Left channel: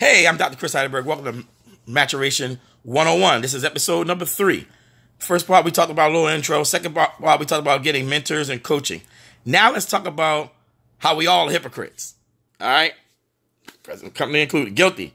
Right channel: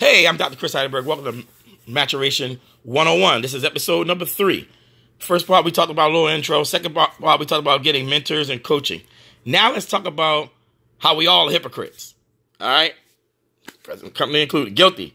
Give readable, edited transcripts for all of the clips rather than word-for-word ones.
Hey, I'm Dr. Chris Heidelberg. Welcome to Maturation 101. This is episode number 3. First part, we talked about a little intro. Second part, we talked about getting mentors and coaching. Now let's talk about how we all are hypocrites. All right? Present company included. Guilty.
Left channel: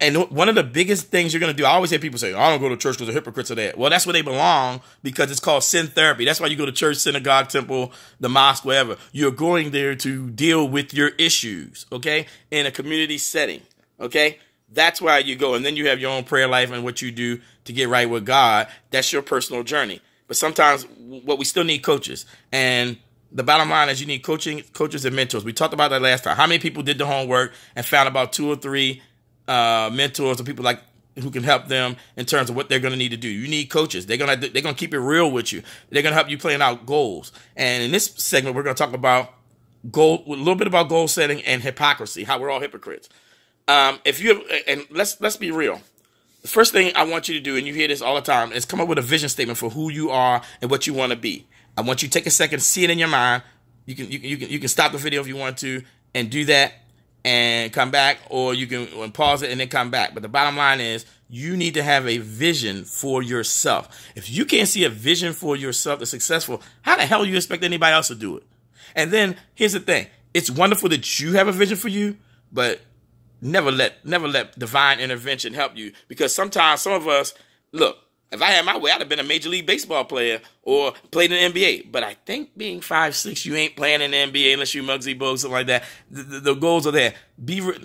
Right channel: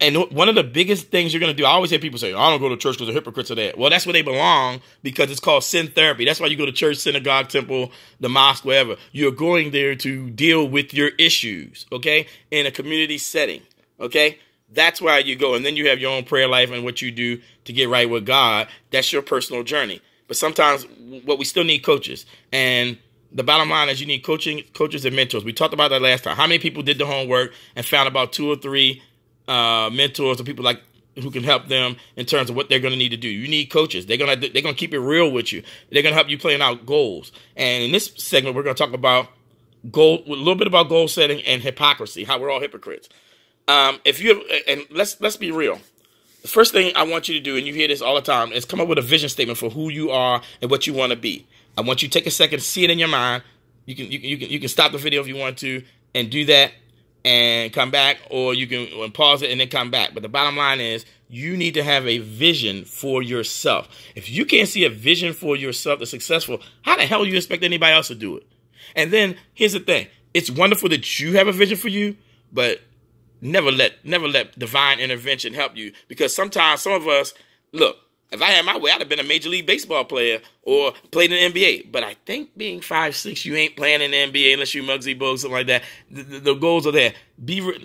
And one of the biggest things you're going to do, I always hear people say, I don't go to church because the hypocrites are there. Well, that's where they belong because it's called sin therapy. That's why you go to church, synagogue, temple, the mosque, wherever. You're going there to deal with your issues, okay, in a community setting, okay? That's why you go. And then you have your own prayer life and what you do to get right with God. That's your personal journey. But sometimes we still need coaches. And the bottom line is you need coaches and mentors. We talked about that last time. How many people did the homework and found about 2 or 3 mentors or people like who can help them in terms of what they're going to need to do? You need coaches. They're going to keep it real with you. They're going to help you plan out goals. And in this segment, we're going to talk about a little bit about goal setting and hypocrisy, how we're all hypocrites. Let's be real. The first thing I want you to do, and you hear this all the time, is come up with a vision statement for who you are and what you want to be. I want you to take a second, see it in your mind. You can stop the video if you want to and do that and come back, or you can pause it and then come back. But the bottom line is you need to have a vision for yourself. If you can't see a vision for yourself that's successful, how the hell do you expect anybody else to do it? And then here's the thing. It's wonderful that you have a vision for you, but never let divine intervention help you, because sometimes some of us, look, if I had my way, I'd have been a Major League Baseball player or played in the NBA. But I think being 5'6", you ain't playing in the NBA unless you Muggsy Bogues, something like that. The goals are there.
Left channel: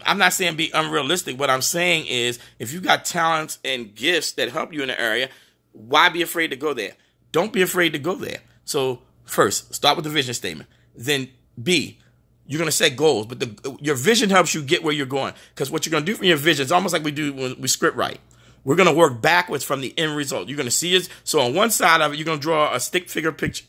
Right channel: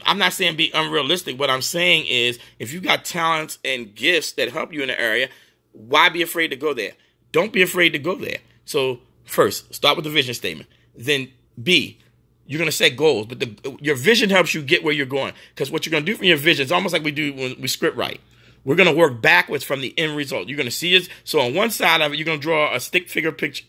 I'm not saying be unrealistic. What I'm saying is if you got talents and gifts that help you in the area, why be afraid to go there? Don't be afraid to go there. So first, start with the vision statement. Then B, you're going to set goals. But your vision helps you get where you're going. Because what you're going to do from your vision is almost like we do when we script write. We're going to work backwards from the end result. You're going to see it. So on one side of it, you're going to draw a stick figure picture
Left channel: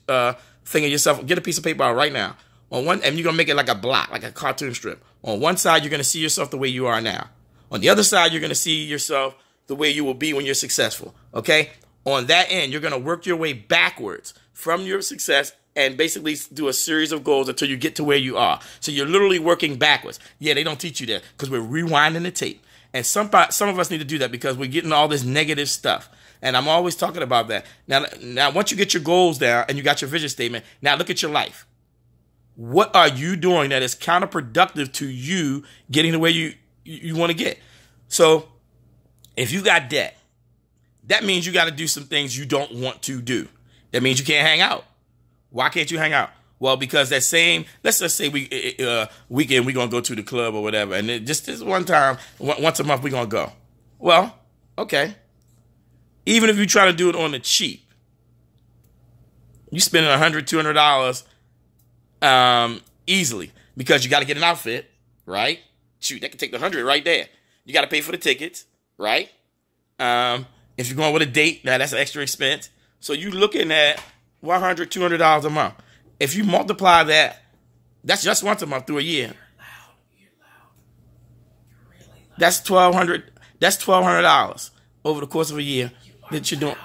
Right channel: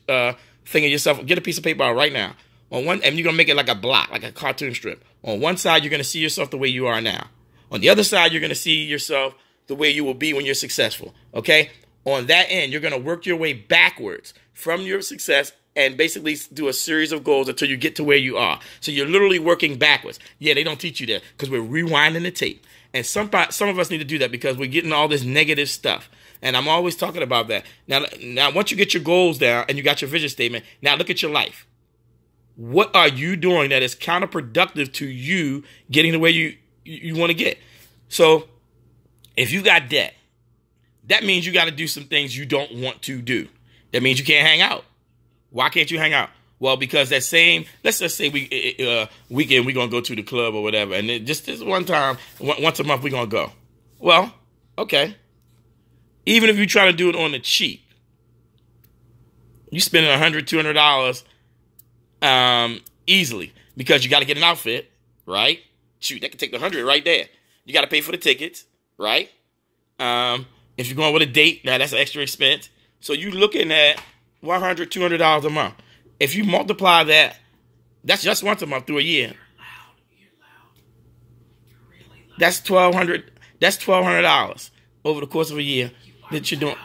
thing of yourself. Get a piece of paper out right now. And you're going to make it like a block, like a cartoon strip. On one side, you're going to see yourself the way you are now. On the other side, you're going to see yourself the way you will be when you're successful. Okay? On that end, you're going to work your way backwards from your success and basically do a series of goals until you get to where you are. So you're literally working backwards. Yeah, they don't teach you that because we're rewinding the tape. And some of us need to do that because we're getting all this negative stuff. And I'm always talking about that. Now, once you get your goals down and you got your vision statement, now look at your life. What are you doing that is counterproductive to you getting the way you want to get? So if you got debt, that means you got to do some things you don't want to do. That means you can't hang out. Why can't you hang out? Well, because that same, let's just say weekend we're going to go to the club or whatever. And just this one time, once a month, we're going to go. Well, okay. Even if you try to do it on the cheap, you spending $100, $200 easily because you got to get an outfit, right? Shoot, that could take the $100 right there. You got to pay for the tickets, right? If you're going with a date, now that's an extra expense. So you're looking at $100, $200 a month. If you multiply that, that's just once a month through a year. That's $1,200. That's $1,200 over the course of a year that you're doing.